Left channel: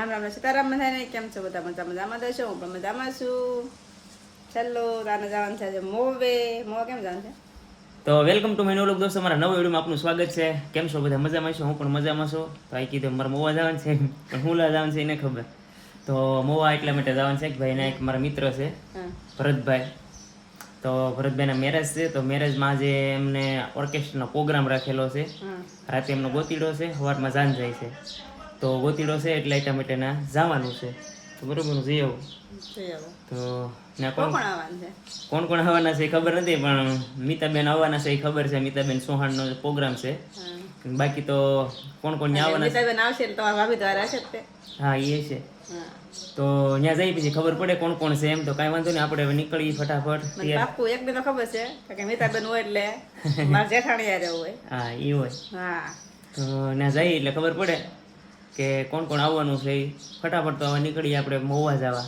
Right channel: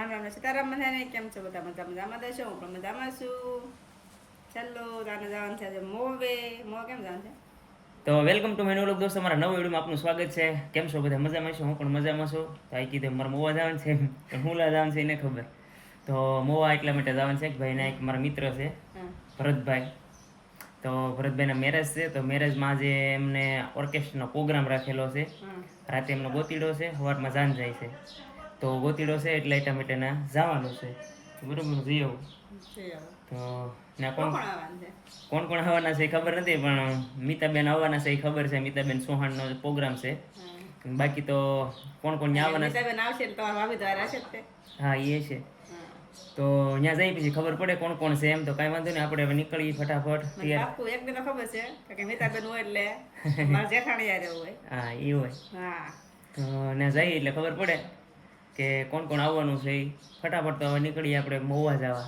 રામ રામ સીતારામ થાય ને કેમ છો બધા મજા મજામાં છો હું પણ મજામાં છું. ચાલો તાને જવાનું છે મોવે. મોવે કેમ જવાનું છે? તો વેલકમ ટુ માય લોક દોસ્તો મારા નવા વિડીયોમાં આપનું સ્વાગત છે. કેમ છો બધા મજામાં છો? હું પણ મજામાં છું. તો આ કીધું મારા મોવા જવાનું છે. પણ હું લા જવાનું છે એને ખબર. તો મોવા એટલા માટે જવાનું છે કે ભાઈ ના એક મારા મિત્ર છે ભરતભાઈ. તો ભરતભાઈના મેરેજ છે. તો મેરેજમાં આજે એમને ઓર્કેસ્ટ્રાનો પ્રોગ્રામ રાખેલો છે. રાતે એમનો ગોતીડો છે. સવારમાં જાન જાય છે. તો ગોતીડો છે એટલે એટલા માટે ના જવાનું છે. તો બરોબર જઈ આવું તો ના કોણ? કોણ કોણ આવવાનું છે ખબર નથી પણ મીતાબેન આવવાના છે એ ખબર છે. મીતાબેન સોહાણનો પ્રોગ્રામ છે. બાકી તો કોણ કોણ ત્યાં આવવાના છે? નીતાબેન આવશે એટલે તમારા ભાભી દ્વારા હશે જ તે. હા એ છે. તો ત્યાં જઈ પછી ખબર પડે કોણ કોણ છે એમ તો કાંઈ વાંધો નહીં આપણે હવે નીકળીએ ફટાફટ તૈયાર. એક બે તો ખબર છે કે મીતાબેન હોય એટલે મારા જેઠાણી યારે હોય. હા એ હોય. હા. તો ત્યાં જઈએ એટલે ખબર પડે. કે કોણ કોણ આવવાનું છે એ ફટાફટ તો હવે નીકળીએ આપણે મહુવા જવા.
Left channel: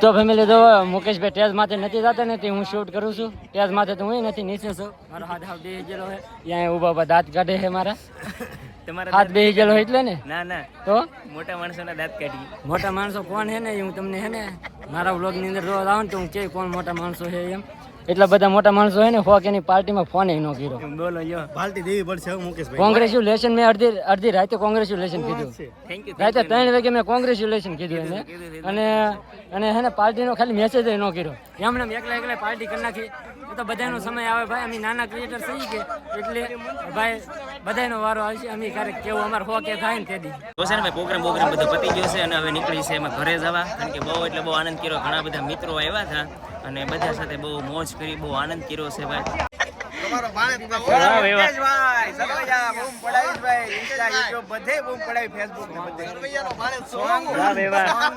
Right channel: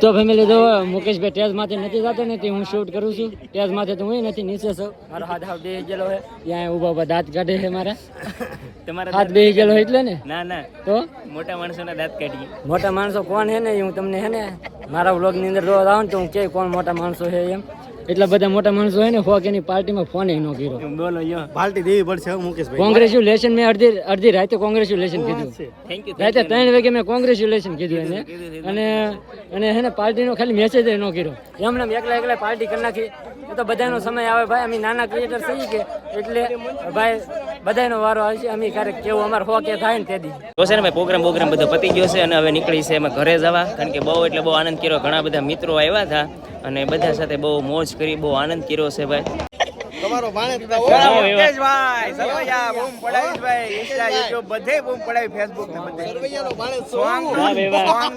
તો ફેમિલી તો મુકેશભાઈ ટેજ માથે નથી જતો ને હું શૂટ કરું છું. ટેજ માથે તો હું નથી નીચે છું. મારો હાથ હાથ બેસી ગયેલો હોય ત્યાં ઊભા ઊભા દાંત કાઢે છે મારા. તમારા હાથ બે ગયેલો હોય એટલે ને? ના ના. તો? મોટા માણસોના દાંત કાઢીએ. મોટા માણસો કોણ છે ને? હું તમને હે ને મારા વ્લોગની અંદર રોજ આવું ને તો હું કે કોણ મોટા માણસો છે એમ. એટલા બધા મોટા માણસો હોય ને ફોક એની પાર્ટીમાં ફોન ન કર્યો. બોલો યો પાર્ટી દેવી પડશે હો મુકેશભાઈ. કોંગ્રેચ્યુલેશન મેં અડધી અડધી રાતે કોંગ્રેચ્યુલેશન કીધું. થેન્ક યુ રાતે ત્રણ વાગે મેં કોંગ્રેચ્યુલેશન કીધું એને. અને અને હે ને પાર્ટીનો ખાલી મેસેજ નો કર્યો. એમને એમ એકલા એકલા પાર્ટી કરી નાખી. તો બધાનો સમય આવે ભાઈ, અમે નાના ક્રિએટર થઈ કે એટલે ભાઈ, બધાનો વારો આવશે, અમે ક્યારેક કેવું અમારે હો કે થાય ને તે દી. તો છે ને ભાઈ પ્રોગ્રામ પ્રોગ્રામ બધો પતી ગયો છે અને હવે નીકળી છે એમાં ઘરે જવા. કારણ કે બહુ એટલે બહુ આનંદ કર્યો, ઘણા બધા મિત્રો આવ્યા હતા અને બધા સાથે બહુ મોજ કરી, બહુ આનંદ કર્યો છે ભાઈ. તમારો ભાણેજ તો ઘણા એવા- સરવૈયાનો ભાણેજ છો. વાહ ભાઈ વાહ.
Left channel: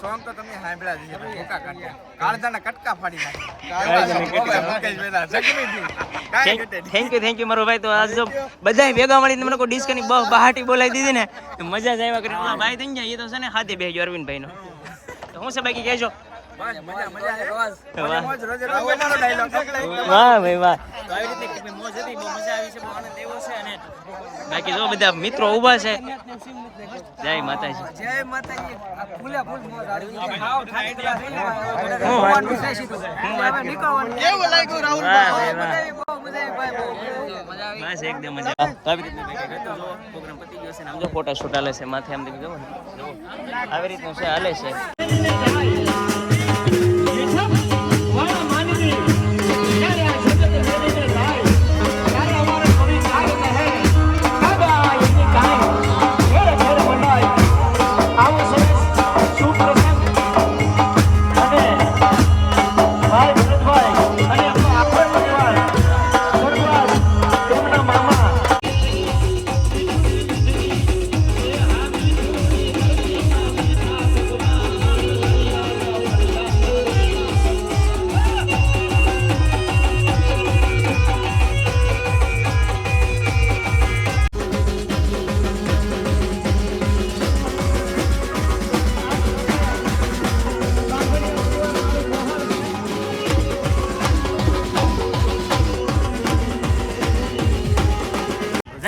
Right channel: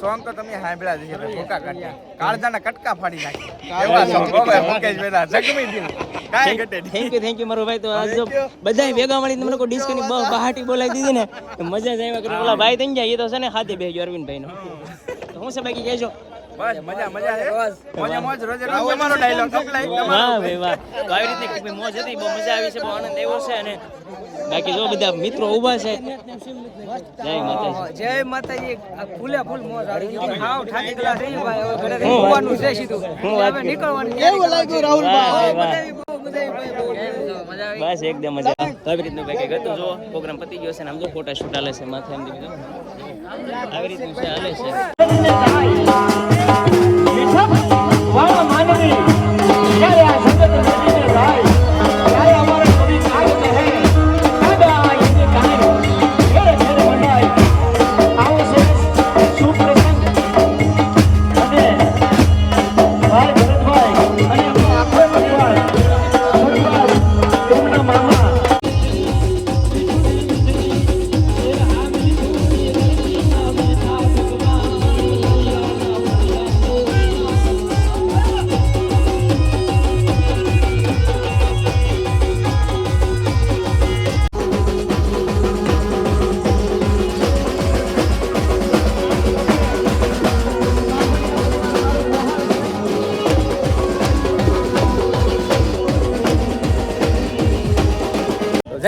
સોંગ તો તમે સાંભળ્યા જ હશે ભૂકા કાઢ્યા. કાળજાના કટકા ફાડી નાખ્યા. એવા સોંગ હો ભાઈ, મુકેશભાઈના જગમી દીવ. કાંઈ ઘટે થેન્ક યુ થેન્ક યુ મારો ભાઈ તો આજ જો બધા ભેગા મળીને મને કોઈ ડિસ્કની બહુ બહાટી બોલાવી દીધી ને મજા જ આવ્યા કરી ઓલા ભાઈ થઈ ગયા એ તો છે ને હાથે બેહજો અરવિંદભાઈ નો તો હું છે બાકી કહેજો બસ મજા મજા છે. મજા મોજ રોજે રોજ તમારો dialogue વાહ ભાઈ વાહ. તો આવી રીતે મોજ હતી? બહુ મજા આવી છે બહુ આનંદ આવ્યો છે અને બાકી જો બધા મિત્રો ઊભા છે. જય માતાજી. જય માતાજી. ફૂલે ફૂલ મોજ આવી હાવ ઠાકી ગયેલા થઈ ભાઈ. હવે ઘરે હું છે સીધું. હું વાત નીકળવાનું કેવું લાગ્યું રાહુલ ભાઈ બહુ મજા આવી ભાઈ બહુ મજા આવી. બસ એકદમ મજા. આવી રીતનું કંઈક હતું જો પ્રોગ્રામ પતી ગયો છે ને આમ જો ફોટા શૂટ હાલે છે માથે આમ દીધું આવી રીતનું છે હાલે છે.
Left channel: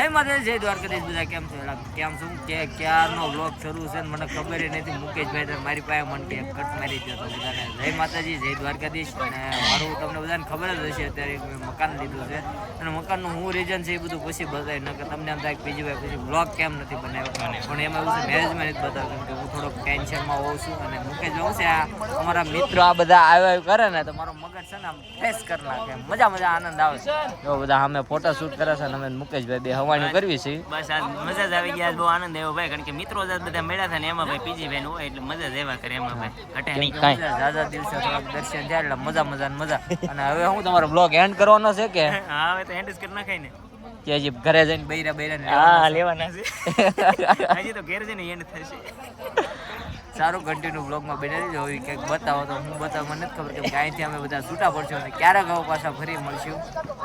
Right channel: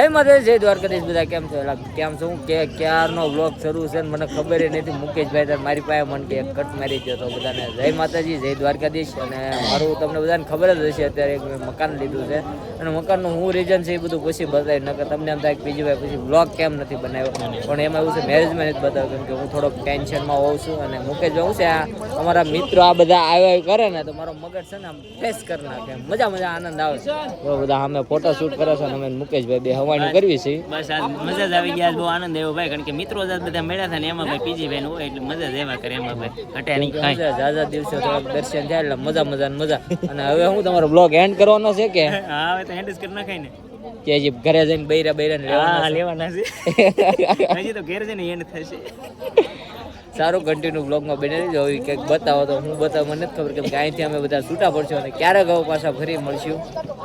જય માતા જય દ્વારકાધીશ બધા કેમ છો? એલા કેમ છું? કે ક્યારનો બ્લોગ શરૂ છે મને ખબર એ નથી. મુકેશભાઈ તાર મારી પાસે મને કે કટ મારી દો તો બધાને. જય માતાજી જય દ્વારકાધીશ. અને મારું તમને બધાને ખબર જ હશે અત્યારે મેં મકાન લીધું છે. અને મકાનનું હું રીઝન છે એ બધું પછી બતાવી નકર તમને એમ થાય કે બીજું પછી બ્લોગ કેમ નથી બનાવ્યો. પણ એમાં એવું છે મેરેજમાં નથી બતાવ્યું કેમ કે હું થોડોક ટેન્શનમાં હોઉં છું. અને મુકેશભાઈ હું છે આ અમારા મિત્રો આ બધા આવ્યા કરે ને તો મારો મગજ છે ને આમ ફ્રેશ કરી નાખે. મજા મજા આનંદ આવે. જો બધા અમે ફોટો શૂટ કરે છે અને અમે મુકેશભાઈ બે હવાની કરવી છે. બસ આજ મજા જ આવી ગયા બહુ આનંદ આવ્યો ભાઈ કારણ કે મિત્રો જ બધા મળ્યા હતા ને એમાં ભાઈ પીજી ભાઈ હોય એટલે મજા જ એવા કરે એમાં ભાઈ. ઘટે નહીં. કાંઈ. ઝાઝા દિવસે થોડાક દર્શન થયા એટલે મજા મજા ને મજા. અને હવે હું તમારો બ્લોગ એન્ડ કરવાનો છે કે? હા હવે તો એન્ડ જ કરી નાખાય ને. કે હજી ઘરે જઈને બૈરા બૈરા ને લેવાના છે? લેવાના છે. હજી તો ઘેર જઈને એન્ડ થશે. સારું કન્ટિન્યુ બ્લોગમાં બની રહેજો. હવે કંઈક બતાવો તો હું બતાવો. મને નથી ખબર કેમ કે અહીંથી અમે બધા છૂટા પડશું અને ક્યારેક હવે પાછા ફરી મળશું.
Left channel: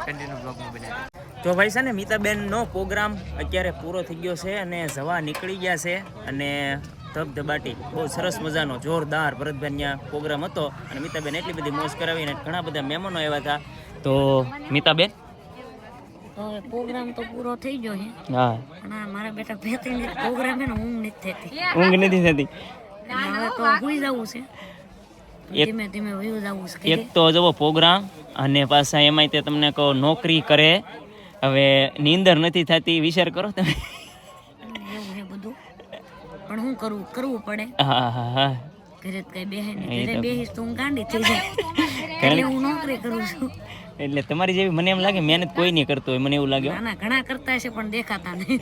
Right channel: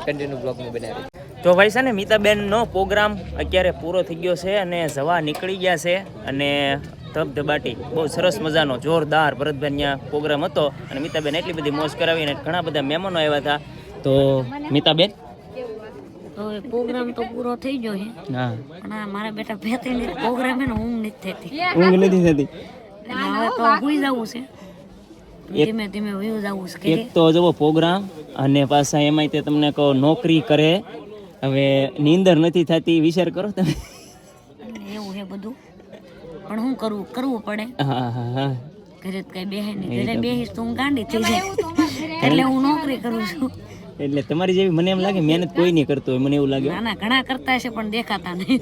કન્ટિન્યુ બ્લોગમાં બની રહેજો. તો ભાઈ છે ને મિતાબેનનો પ્રોગ્રામ અત્યારે પૂરો થઈ ગયો છે અને જવા નીકળી ગયા છે અને ધબધબાટી બહુ સરસ મજાનો જોરદાર ભરતભાઈ ત્યાં પ્રોગ્રામ હતો અને મિતાબેન એટલી બધી મોજ કરાવી અને ઘણા બધા મહેમાનો આવ્યા હતા. તો મિતાબેન? પ્રોગ્રામ તો પૂરો થઈ ગયો છે. હા. અને મારા બેટા બે ત્રણ પ્રોગ્રામ છે ઊંઘ નથી થતી. ઊંઘ નથી થતી? હવે તો હુઈ જવું છે. ધીમે ધીમે વયું જવું છે એક તો જવો પ્રોગ્રામ અને પાછા એમાંય તે તમને કહો નોકરી કરે હવે નીંદર નથી થતી વિચાર કરો તમે. એવું છે બધું? પણ શું કરવું કરવું પડે. હા હા હા. ઘરે તો કઈ બેહે નહીં. ઘરે બેહીશ તો હું ગાંડી થઈ જાય. એટલે હું નોકરી કરું છું. એટલે તમારી જેવી મને એમ લાગે મહેનત કોઈ નહીં કરતો હોય મને એવું લાગે. ના ઘણા કરતા હશે પણ દેખાતા નહીં.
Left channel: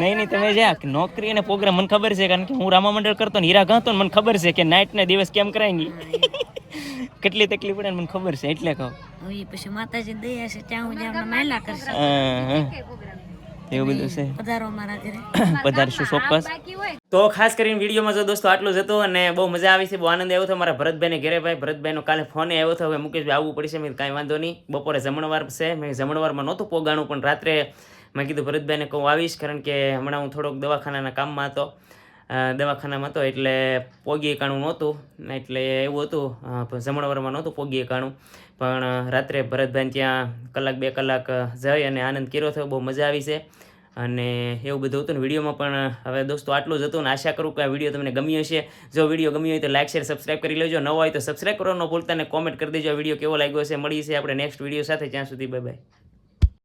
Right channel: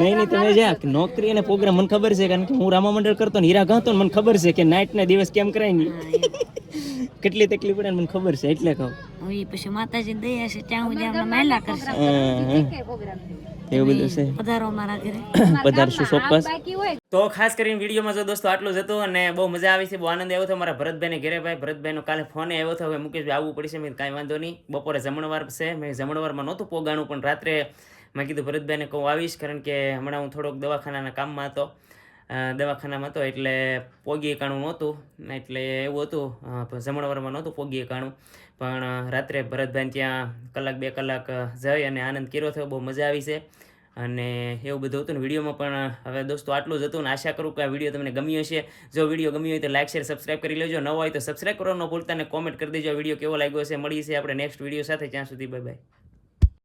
નહીં નહીં તમે જ્યાં નોકરી અને પ્રોગ્રામ મને ખબર છે કારણ કે હું રામા મંડળ કરતો ને હીરા ગાતો ને મને ખબર છે કે નાઇટ ના દિવસ કેમ કરાય કેટલી તકલીફ પડે મને ખબર છે એટલે કહું. હવે પછી માતાજી દયા છે ત્યાં હું જ્યાં માયલા કરશે. એવું બધું છે. પધારો મારા ઘરે. પધારશું ચોક્કસ. તો ખાસ કરીને વિડીયોમાં જો દોસ્તો આટલું જ હતું અને બહુ મજા આવી છે બહુ આનંદ આવ્યો હતો મારા ભરતભાઈને ઘરે ભાઈ. ભરતભાઈનો કાલે ફોન આવ્યો હતો હવે મુકેશભાઈ આવવું પડશે મેં કાંઈ વાંધો નહીં. બપોરે જમણવાર છે મેં જમણવારમાં નહોતું પોગાણું પણ રાત્રે મેં કીધું ભરતભાઈને કહું આવીશ કારણ કે હમણાં હું થોડોક દવાખાનાના કામમાં હતો. દવાખાનામાં હતો એટલે પોગી એકાણું નહોતું, એટલે એવું હતું જમણવારમાં નહોતું પોગી એકાણું. પણ રાત્રે ભરતભાઈ ત્યાં કલાક બે કલાક જઈ અને આનંદ કર્યો થયો, બહુ મજા આવી છે. અને એવું બધું હતું ને વિડીયોમાં પણ હવે દોસ્તો આટલું જ હતું ને આશા કરું કે આ વીડિયો તમને ગમ્યો હશે. જો વીડિયો ગમ્યો હોય તો લાઈક, શેર સબસ્ક્રાઈબ કરી લેજો. નવો હોય તો સબસ્ક્રાઈબ કરવાનો ભૂલતા અને કોમેન્ટ કરી દેજો આ વીડિયો કેવો લાગ્યો છે મળીએ છે આપણે નેક્સ્ટ વીડિયો સાથે. ત્યાં સુધી બાય બાય